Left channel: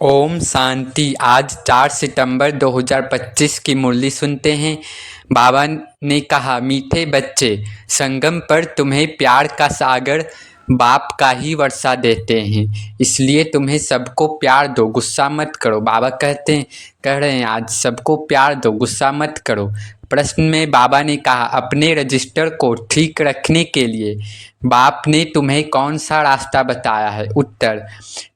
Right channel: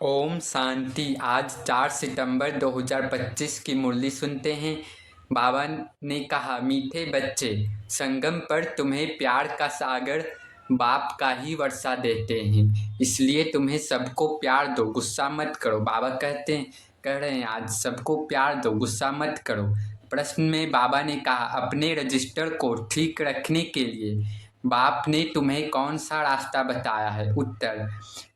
ओम शांति। आज 4 सितंबर 2025 की मुरली सुनते हैं। बाबा ने कहा, मीठे बच्चे, संगम पर तुम्हें प्यार का सागर बाप का ही वर्षा देते हैं, इसलिए तुम्हें सबको प्यार दो, गुस्सा मत करो। बाबा कह रहे हैं आज सबको प्यार दो, गुस्सा मत करो। प्रश्न में बाबा ने कहा, अपने रजिस्टर को ठीक रखने के लिए बाप ने तुम्हें कौन सा रास्ता बताया है? उत्तर,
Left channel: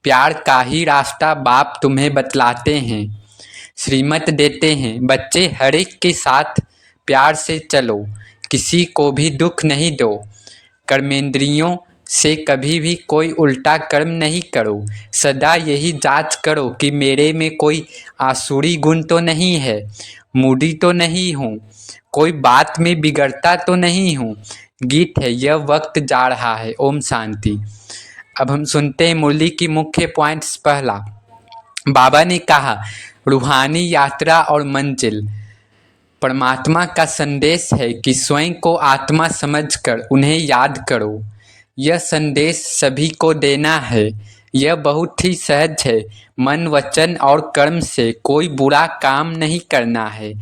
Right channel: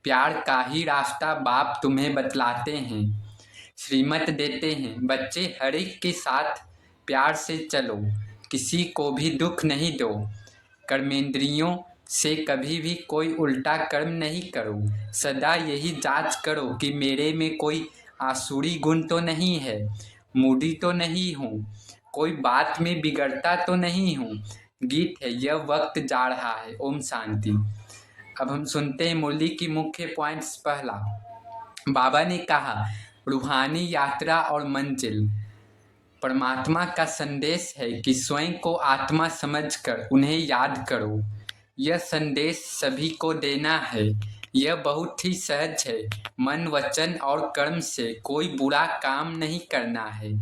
प्यार का ही रास्ता बाप तुम्हें बतलाते हैं, श्रीमत देते हैं। बच्चे, हर एक के साथ प्यार से चलो, किसी को भी दुख नहीं दो, कर्मेंद्रियों से कभी भी कोई उल्टा कर्म नहीं करो। सदा यही जांच करो कि मेरे में कोई आसुरी गुण तो नहीं है, मूडी तो नहीं हूँ, कोई बात में बिगड़ता तो नहीं हूँ। गीत है, यह वक्त जा रहा है। ओम शांति। अब हम सुनते हैं मुरली की मुख्य पॉइंट्स। पहला, बाबा ने कहा, रूहानी यात्रा और मंजिल परमात्मा का संदेश है कि स्वयं को आत्मा समझकर उन्हें याद करो। यह संदेश सभी को देना है। यह बहुत ही सहज है। मन, वचन और कर्म से कोई बुरा काम नहीं करना है।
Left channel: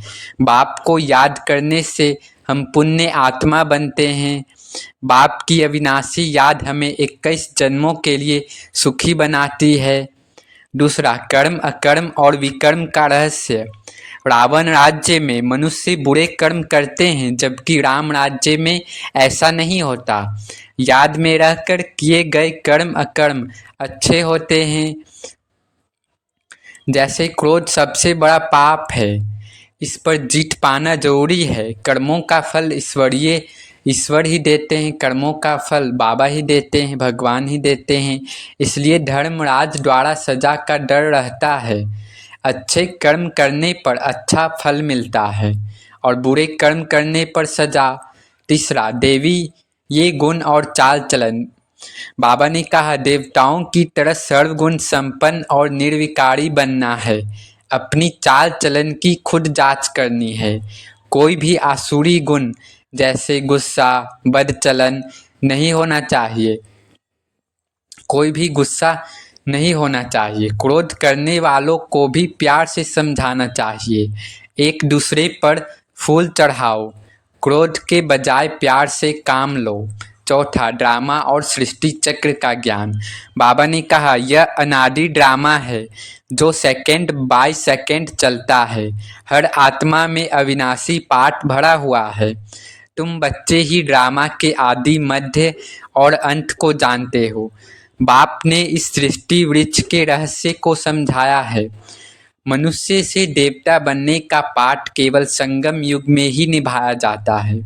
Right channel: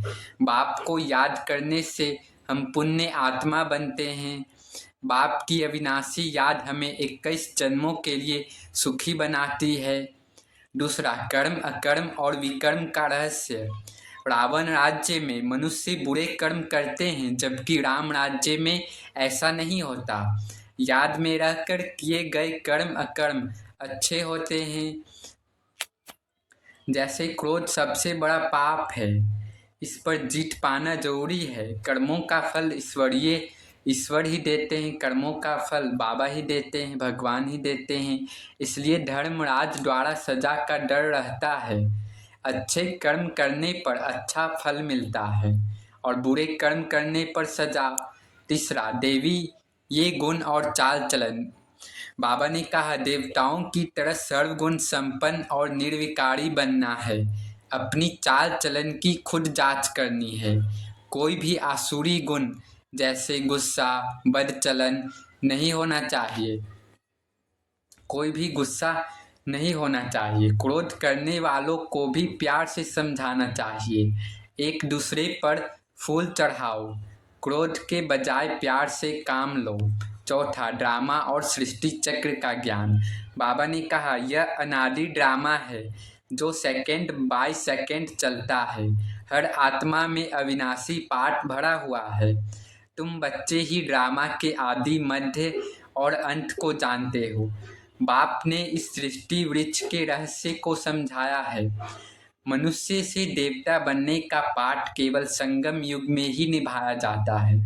बाप को याद करने से हम पुण्य आत्मा बनते हैं। बाप की अविनाशी याद हमें 21 जन्मों के लिए सुखी बनाती है। दूसरा, कर्म, अकर्म और विकर्म का रहस्य। रावण राज्य में मनुष्य बुरे कर्म करते हैं, जबकि राम राज्य में ऐसा नहीं होता। याद में रहकर किए गए कर्म अकर्म अच्छे होते हैं। जैसे क्रोध सबसे बड़ा पाप है, इस पर जीत पाना जरूरी है। कर्मों का फल ईश्वर ही देते हैं, कर्मों का फल बाबा ही देते हैं, भगवान ही देते हैं। इसलिए धर्मराज द्वारा सजा का डर रहता है। अच्छे कर्म करने पर अच्छा फल मिलता है और बुरे कर्म करने पर सजा। तीसरा, देवी ये गुण और चाल चलन। बाबा ने कहा, देवताओं की तरह सर्वगुण संपन्न और निर्विकारी बनना है। अपनी चाल चलन की खुद जांच करनी है। कोई भी आसुरी गुण जैसे गुस्सा, बदचलन नहीं होना चाहिए। कोई भी गुस्सा नहीं होना चाहिए। क्रोध करने वालों को भी प्यार से समझाना चाहिए। एक दूसरे पर फूल चढ़ाओ। क्रोध के बजाय प्यार से काम लो। चौथा, ड्रामा और सृष्टि चक्र का ज्ञान। बाबा ने कहा, यह अनादि ड्रामा है जो सेकंड बाय सेकंड चलता है। हर आत्मा में अविनाशी पाठ भरा हुआ है। तुम बच्चे ही ड्रामा के आदि, मध्य और अंत को जानते हो। बाप ने इस सृष्टि वृक्ष के रहस्य को समझाया है। मनुष्य से देवता बनने का पाठ केवल संगम युग में ही निभाया जाता है।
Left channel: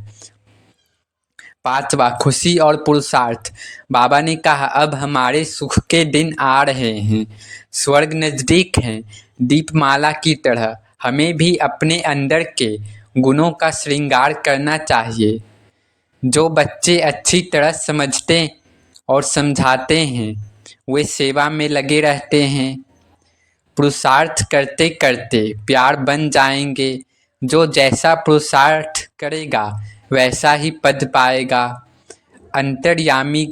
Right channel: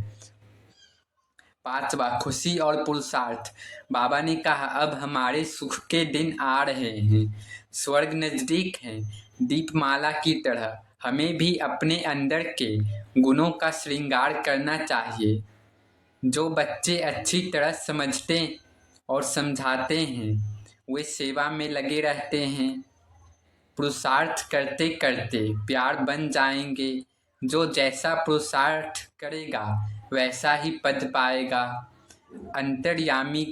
पांचवा, खुशी और पुरुषार्थ। बाबा ने कहा, अब हमारे सुख के दिन आ रहे हैं, स्वर्ग नजदीक है, दीपमाला की तरह। हमें भी अपने अंदर के गुणों का श्रृंगार करना चाहिए। जो बच्चे अच्छी तरह समझते और समझाते हैं वे सेवा में लगे रहते हैं। पुरुषार्थ करते करते प्यार बन जाएंगे। जो जैसा पुरुषार्थ करेगा वैसा ही पद पाएगा। अंतर्यामी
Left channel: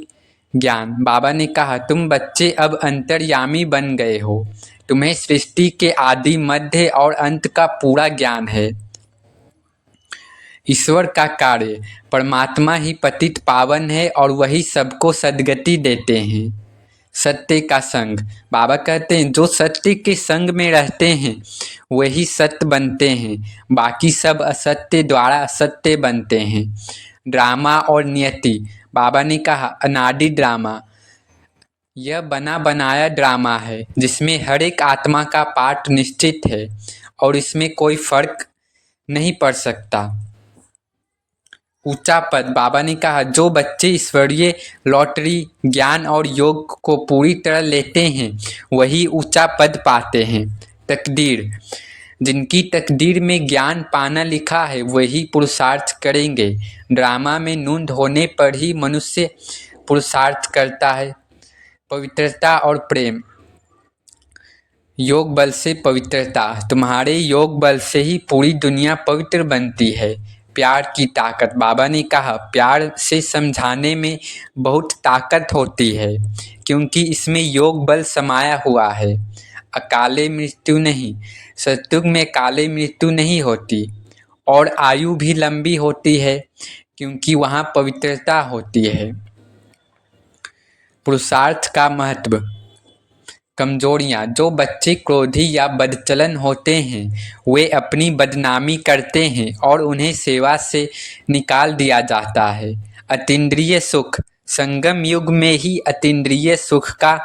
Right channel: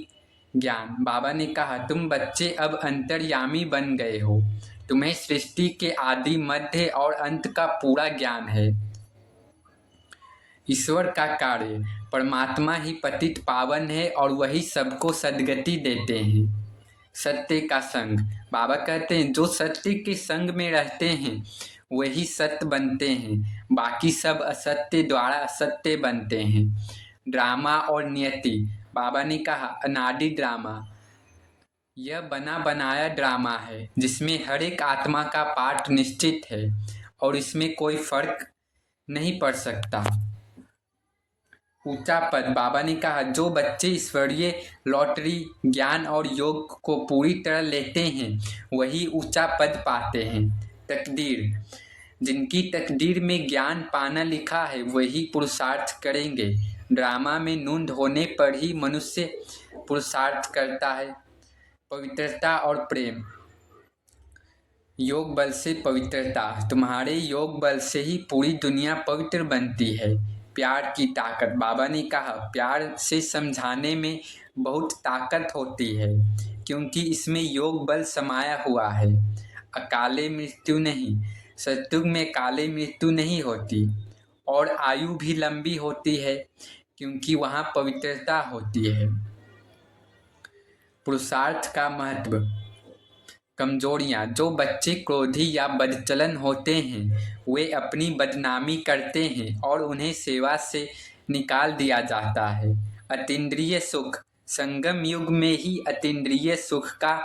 ज्ञान। बाबा ने कहा, तुम बच्चे अब अंतर्यामी बन गए हो। तुम्हें सृष्टि के आदि, मध्य और अंत का पूरा ज्ञान है। ईश्वर का कार्य, परमात्मा ही पतित पावन है और वही सबको सद्गति देते हैं। सत्य का संग। बाबा कहते हैं, जो सत्य के संग में रहते हैं वही सत्य बनते हैं, बाकी सब असत्य द्वारा असत्य बनते हैं। ड्रामा और नियति। बाबा ने कहा, अनादि ड्रामा यह बना बनाया ड्रामा है जिसमें हर एक आत्मा का पाठ निश्चित है और इसमें कोई फर्क नहीं पड़ सकता। ऊंचा पद। बाबा ने कहा, जो बच्चे ईश्वरीय लॉटरी, ज्ञान और योग को पूरी तरह लेते हैं वही ऊंचा पद पाते हैं। तकदीर। जिनकी तकदीर में ज्ञान पाना लिखा है वही पुरुषार्थ करेंगे। ड्रामा में नूंद होने पर ही मनुष्य पुरुषार्थ करता है। पवित्रता और प्रेम। योग बल से पवित्रता। तुम्हारे योग बल से ही पूरी दुनिया पवित्र बनती है। प्यार की ताकत। बाबा ने कहा, प्यार से समझाने में बहुत ताकत होती है क्योंकि इसमें योग बल समाया हुआ है। अकाले मृत्यु नहीं, सतयुग में काले मृत्यु नहीं होती और आयु भी लंबी होती है क्योंकि वहाँ पवित्रता होती है। पुरुषार्थ का महत्व। कमजोरियाँ। जो बच्चे क्रोधी या बदचलन होते हैं वे अपनी बदनामी करते हैं और उन्हें सेवा से निकाल दिया जाता है। अतीन्द्रिय सुख। संगम युग में ही अतीन्द्रिय सुख का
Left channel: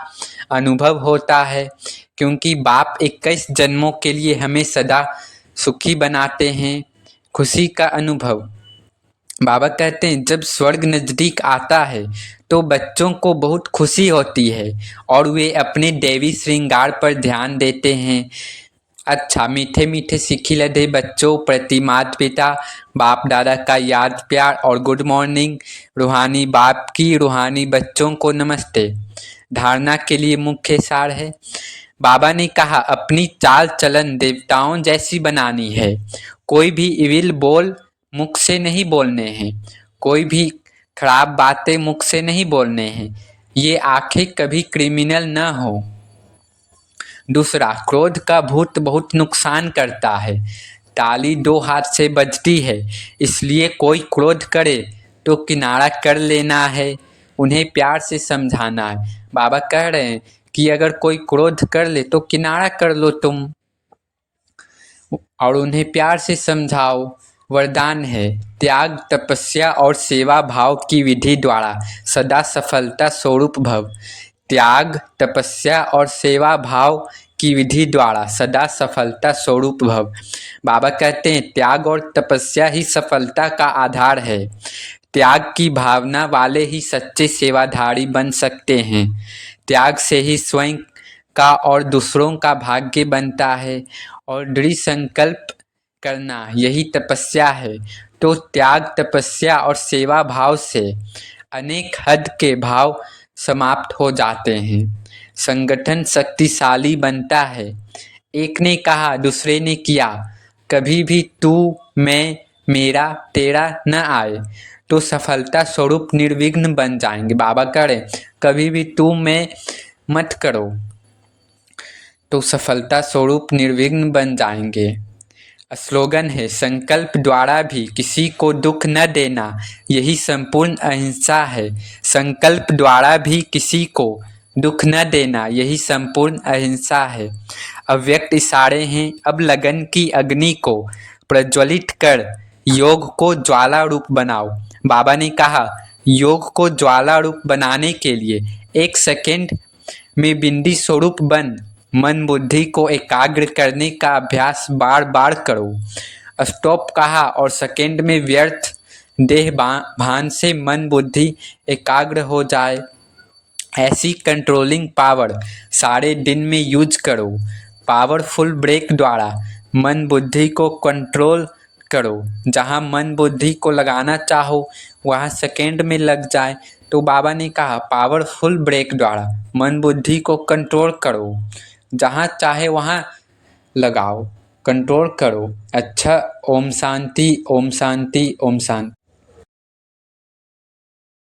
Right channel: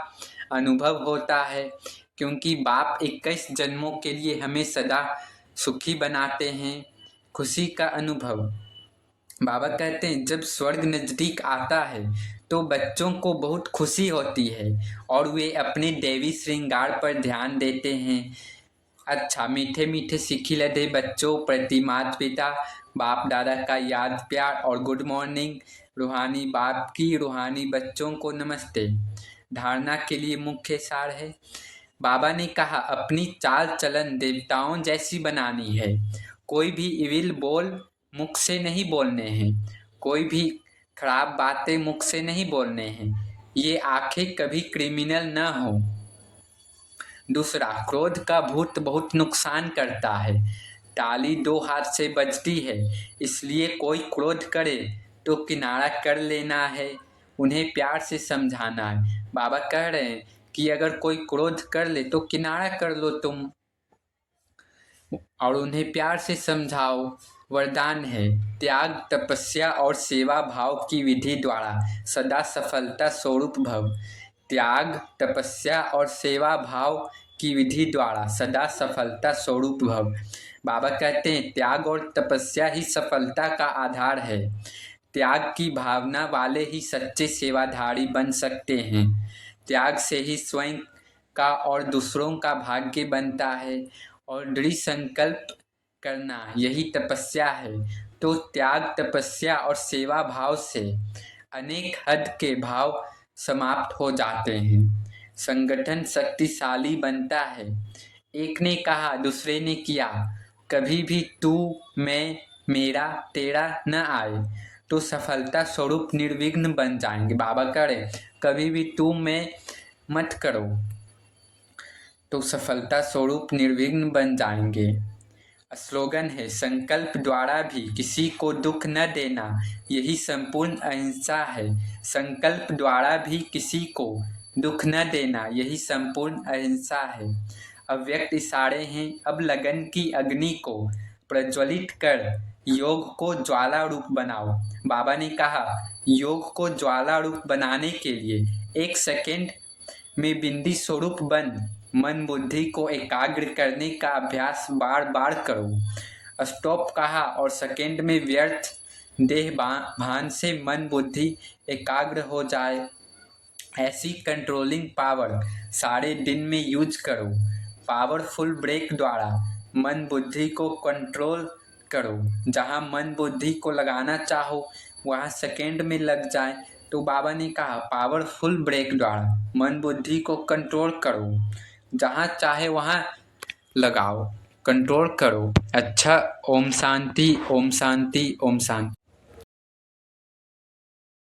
अनुभव होता है क्योंकि बाप 21 जन्मों के लिए हमें सदा सुखी बनाते हैं। खुशी का अनुभव। बाबा कहते हैं जब स्वर्ग नज़दीक आता है तो बच्चों को बहुत खुशी होती है और वे अपने देवी श्रृंगार पर ध्यान देते हैं। अच्छा, मीठे मीठे सिक्खी लदे बच्चों प्रति माता पिता बाप दादा का याद प्यार और गुड मॉर्निंग। रूहानी बाप की रूहानी बच्चों को नमस्ते। धारणा के लिए मुख्य सार है। बाबा ने कहा अपनी चाल चलन देवताओं जैसी बनानी है। कोई भी इविल बोल मुख से नहीं बोलने हैं, कोई भी खराब बातें मुख से नहीं बोलने हैं। ये आंखें कभी क्रिमिनल न हो। दूसरा, क्रोध का भूत बहुत नुकसान करता है। ताली 2 हाथ से बजती है, इसलिए कोई क्रोध करे तो किनारा कर लेना है, उन्हें प्यार से समझाना है। बाबा कह रहे हैं कि अगर कोई क्रोध कर ले तो किनारा कर लो तुम और उन्हें प्यार से समझाओ। वरदान है त्याग तपस्या और सेवा भाव की विधि द्वारा सदा सफलता स्वरूप भव। त्याग तपस्या और सेवा भाव की विधि द्वारा सदा सफलता स्वरूप भव। बाबा कहते हैं त्याग और तपस्या ही सफलता का आधार है। त्याग की भावना वाले ही सच्चे सेवाधारी बन सकते हैं। त्याग से ही स्वयं का और दूसरों का भाग्य बनता है और दृढ़ संकल्प करना यही तपस्या है। तो त्याग तपस्या और सेवा भाव से अनेक हद के भाव समाप्त हो जाते हैं, संगठन शक्तिशाली बनता है। एक ने कहा दूसरे ने किया, कभी भी तू मैं मेरा तेरा न आए तो सफलता स्वरूप निर्विघ्न बन जाएंगे। बाबा करें कभी भी तू मैं मत करो तो सफलता स्वरूप निर्विघ्न बन जाएंगे। स्लोगन है संकल्प द्वारा भी किसी को दुख न देना यही संपूर्ण अहिंसा है। संकल्प द्वारा भी किसी को दुख न देना यही संपूर्ण अहिंसा है। अव्यक्त इशारे हैं अब लगन की अग्नि को प्रज्वलित कर योग को ज्वाला रूप बनाओ। बाबा ने कहा योग को ज्वाला रूप बनाने के लिए 1 सेकेंड में बिंदी स्वरूप बन मन बुद्धि को एकाग्र करने का अभ्यास बार बार करो। स्टॉप कहा और सेकेंड में व्यर्थ देह भान से मन बुद्धि एकाग्र हो जाए। ऐसी कंट्रोलिंग पावर सारे दिन में यूज करो। पावरफुल ब्रेक द्वारा मन बुद्धि को कंट्रोल करो। जहाँ मन बुद्धि को लगाना चाहो वहाँ सेकेंड में लग जाए। तो बाबा ने कहा पावरफुल ब्रेक द्वारा मन बुद्धि को कंट्रोल करो, जहाँ चाहे वहाँ लगाओ, कंट्रोल करो। अच्छा, ओम शांति ओम शांति ओम शांति।